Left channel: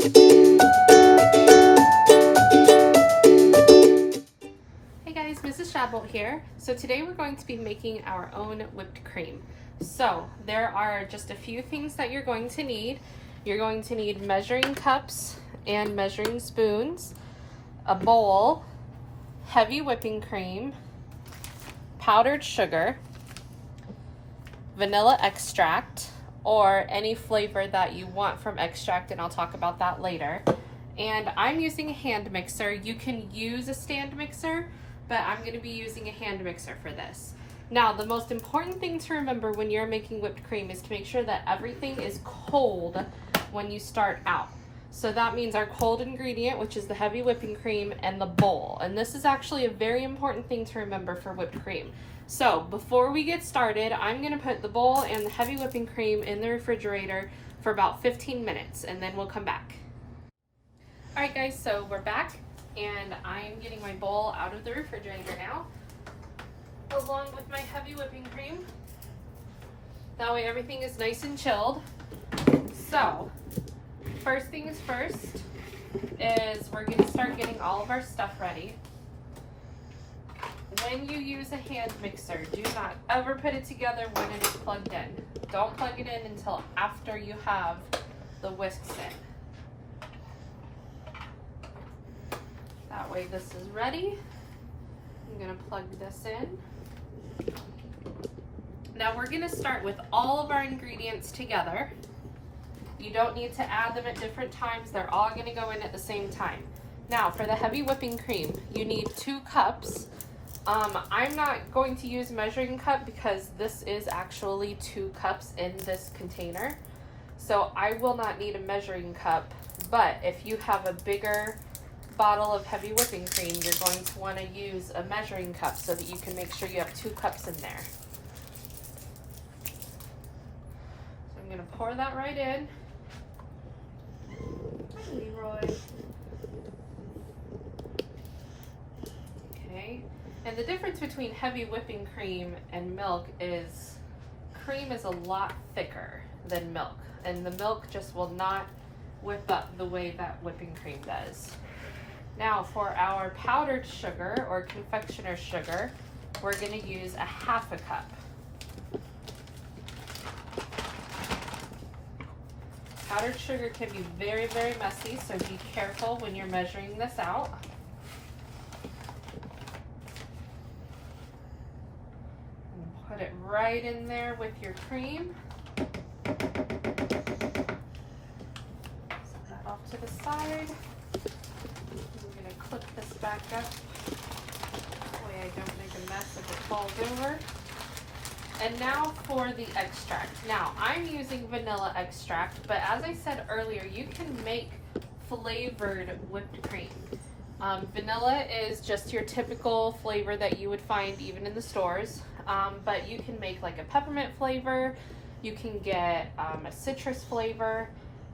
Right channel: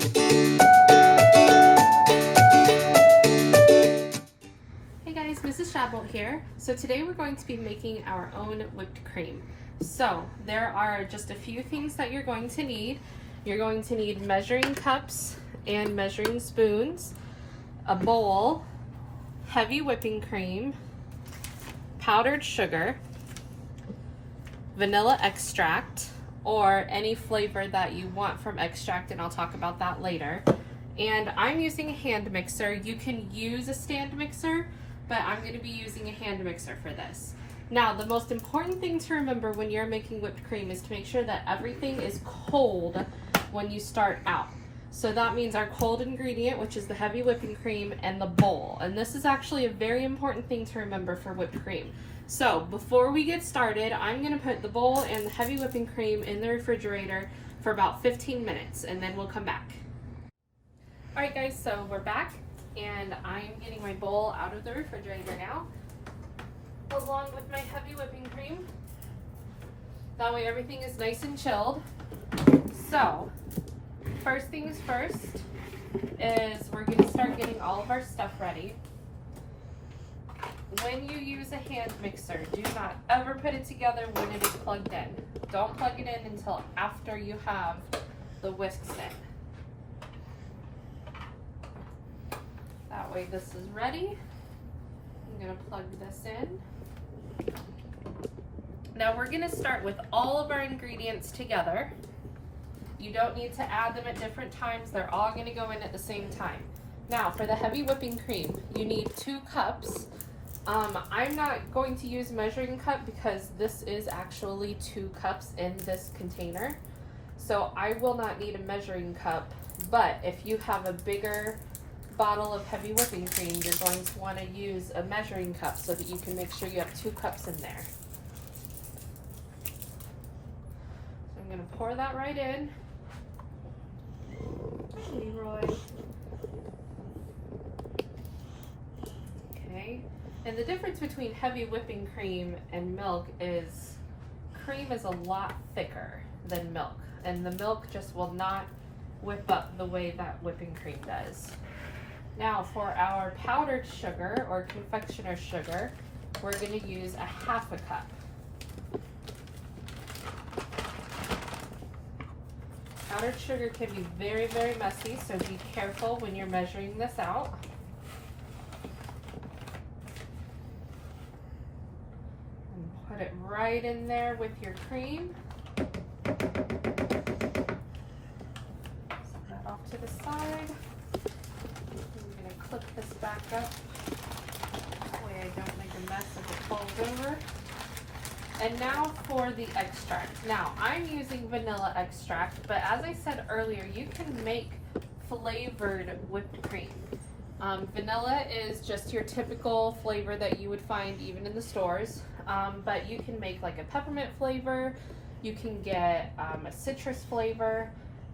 Hey guys, Mrs. Shadbolt here. So today we're going to be making our own whipped cream. So there are just a few things that you're going to need. You're going to need measuring cups and measuring spoons, a bowl, heavy whipping cream, powdered sugar, vanilla extract, or any flavor that you want from extract, and I'll talk about that later. And I'm using a hand mixer. You can use a stand mixer, but I'm going to be using a hand mixer for this. Now, the most important thing to remember when you're making whipped cream is to make sure that everything is cold when you start out. So that means our cold ingredient, which is the heavy whipping cream, and the bowl. And this is actually a very important thing to remember for whipped cream. So before we get started, I'm going to put the bowl and the heavy whipping cream in the refrigerator for about 15 minutes, and then we'll come back. All right guys, so we're back, and I'm getting my bowl out of the refrigerator now, along with my heavy whipping cream. That way everything is nice and chilled. So first things first is we're going to start getting all of our stuff ready. When you use a hand mixer, do not ever put it together when it is plugged in. Don't plug it in until after you have the whisks in. That way this is ready. I'm going to plug this in. Now we're going to start with all of our ingredients together. You don't need to add them at different times. They're all going to go in at the same time. Now for the heavy whipping cream, you need 2 cups. I'm not going to use a measuring cup because this is actually 2 cups in this container. So I will not need a measuring cup, but if you have a bigger bottle of heavy whipping cream, you're going to want to use a measuring cup so that you can make sure you have 2 cups in there. So I'm going to pour that right in. Leroy. Okay. And the difference between heavy whipping cream and milk is cream is a lot thicker than milk, and the milk just will not whip up the way that whipping cream does. Now for our powdered sugar or confectioner sugar, we're going to use a 1/2 cup. Powdered sugar can be very, very messy, so be careful when you're measuring this out. Put it right in there with your cream. Set that off to the side. I'm going to clip this back up. That way I don't make a mess if it falls over. And now for the extract. Now I'm using vanilla extract, but as I said earlier, you can make flavored whipped cream. Vanilla is just your typical flavor that you would find even in the stores. But you can make like a peppermint flavor, you can get a citrus flavor,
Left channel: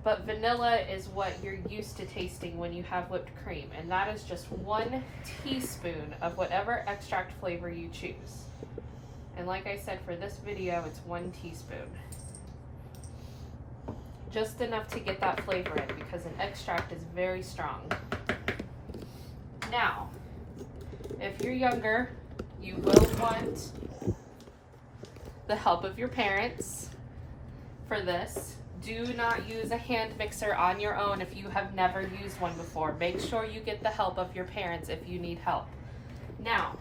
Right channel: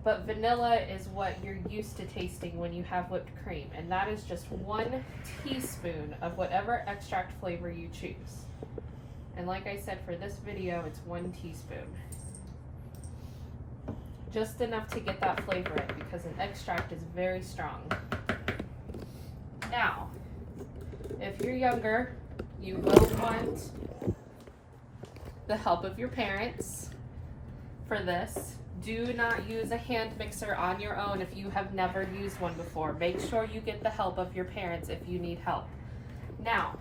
but vanilla is what you're used to tasting when you have whipped cream, and that is just 1 teaspoon of whatever extract flavor you choose. And like I said, for this video, it's 1 teaspoon. Just enough to get that flavor in because an extract is very strong. Now, if you're younger, you will want the help of your parents for this. Do not use a hand mixer on your own if you have never used one before. Make sure you get the help of your parents if you need help. Now,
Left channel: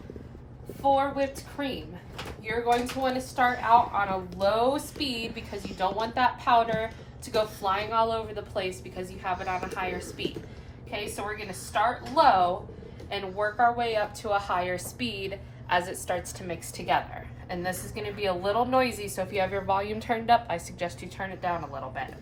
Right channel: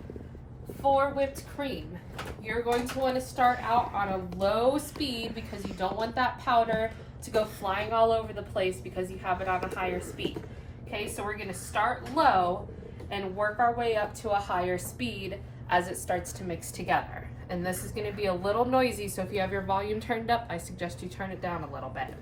for whipped cream, you're going to want to start out on a low speed because you don't want that powder to go flying all over the place because you have it on a higher speed. Okay, so we're going to start low and work our way up to a higher speed as it starts to mix together. And this is going to be a little noisy, so if you have your volume turned up, I suggest you turn it down a little bit.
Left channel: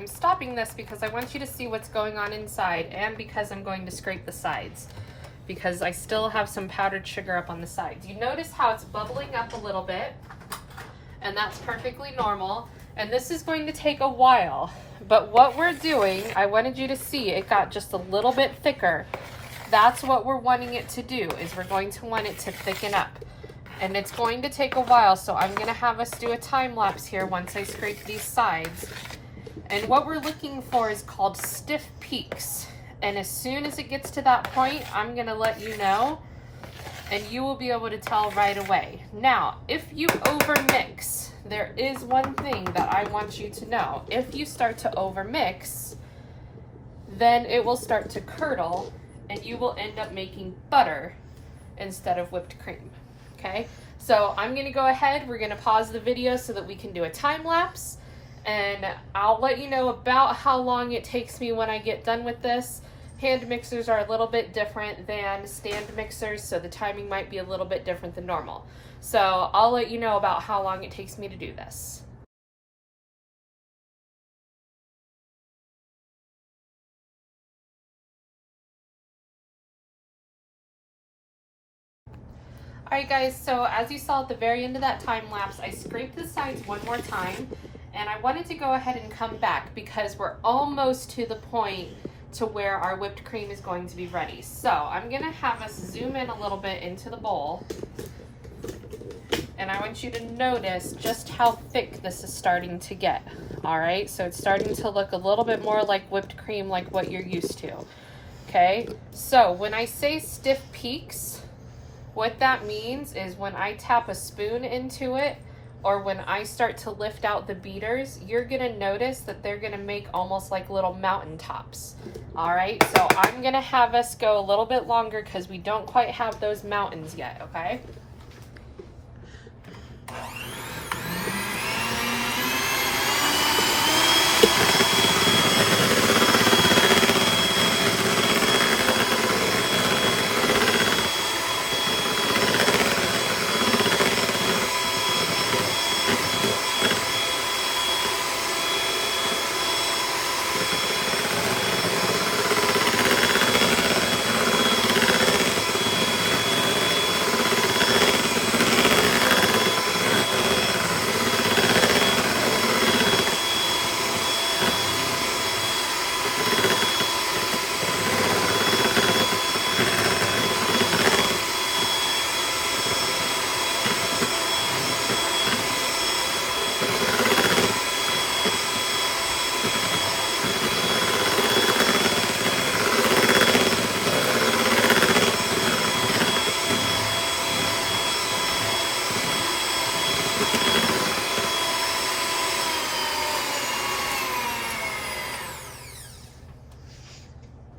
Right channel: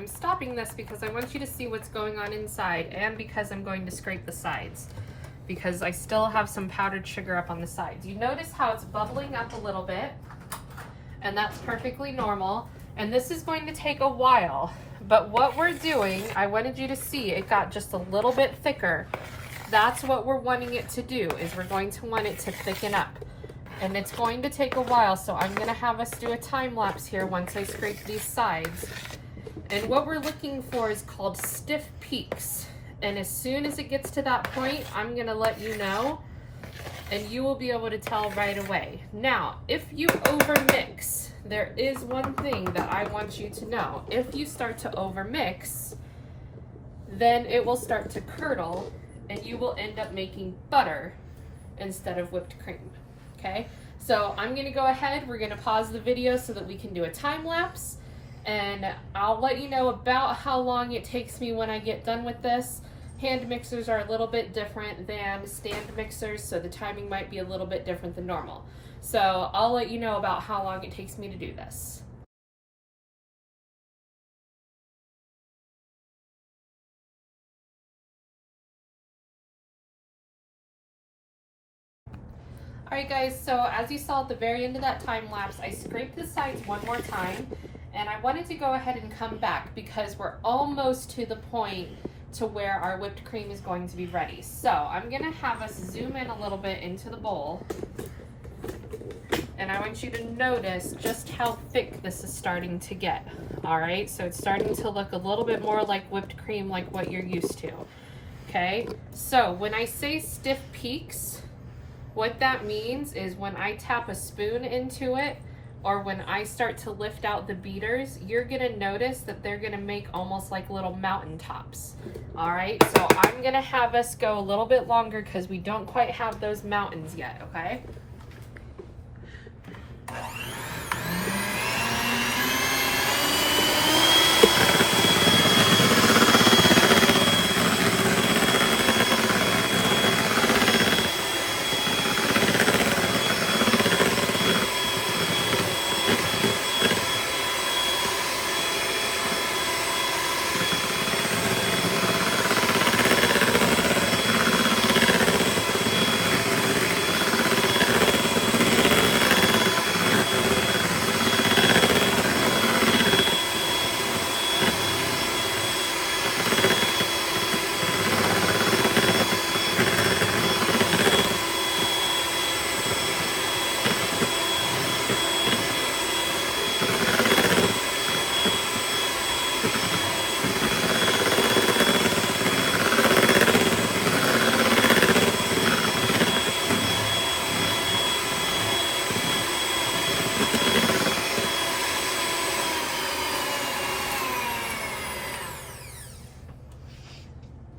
I'm stopping this because I want you to see what's going on inside, and because I'm going to scrape the sides, because I still have some powdered sugar up on the sides. You notice how it's bubbling up a little bit, and that's perfectly normal. And this is going to take a while, but what we're doing, I wanted you to see it got just a little bit thicker. That's what we're wanting it to do, is we're going to want it to thicken up. And it's going to take a while, so I'm gonna have us do a time lapse here once I scrape these sides. And what we're looking for is called stiff peaks. And as soon as it gets to that point, I'm gonna let you know, and you will be able to tell right away. Now, if you overmix, there is one thing that I want you to know. If you start to overmix, then it will start to curdle, and you will end up making butter instead of whipped cream. Okay, so I'm gonna go ahead, we're gonna pause the video so that we can do a time lapse, and I'll let you know about how long it takes me when I get done with this. Hand mixers are a little bit different than stand mixers, so the timing might be a little bit different than normal. So I'll let you know about how long it takes me to do this. Alright guys, so as you saw at the very end of that time lapse, I scraped the sides one more time, and I wanted to go ahead and come back because we're almost to the point to where our whipped cream is going to be ready. So I'm going to have us zoom in a little bit into the bowl, and I want you to notice just how thick this is starting to get. Alright, so it's starting to look a little bit more like whipped cream, like what you're used to. Okay, so when I say stiff peaks, what that means is when I tap a spoon into it, or when I start to lift out the beaters, you're gonna notice that they're gonna make almost like little mountain tops. All right, so I'm gonna have us go a little bit longer because we don't quite have those mountains yet, okay?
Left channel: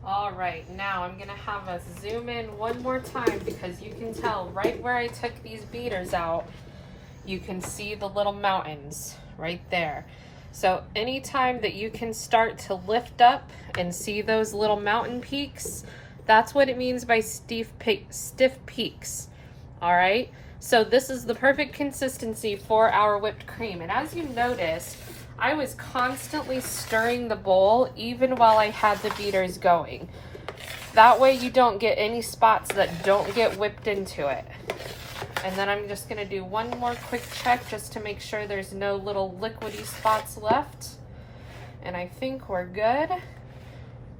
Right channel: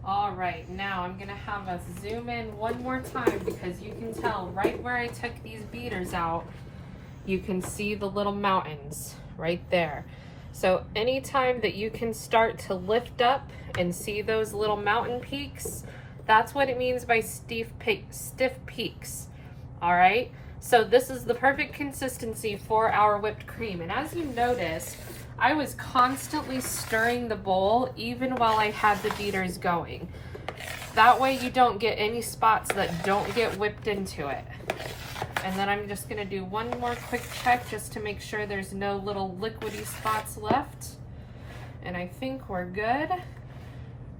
All right, now I'm gonna have us zoom in one more time because you can tell right where I took these beaters out, you can see the little mountains right there. So anytime that you can start to lift up and see those little mountain peaks, that's what it means by stiff peaks. All right, so this is the perfect consistency for our whipped cream. And as you noticed, I was constantly stirring the bowl even while I had the beaters going. That way you don't get any spots that don't get whipped into it. And then I'm just gonna do one more quick check just to make sure there's no little liquidy spots left. And I think we're good.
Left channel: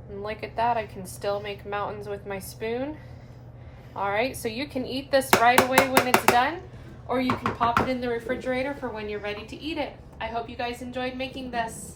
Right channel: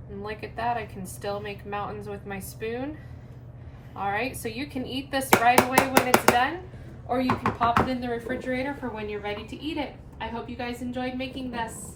And look at that, I can still make mountains with my spoon. All right, so you can eat this right away when it's done, or you can pop it in the refrigerator for when you're ready to eat it. I hope you guys enjoyed making this.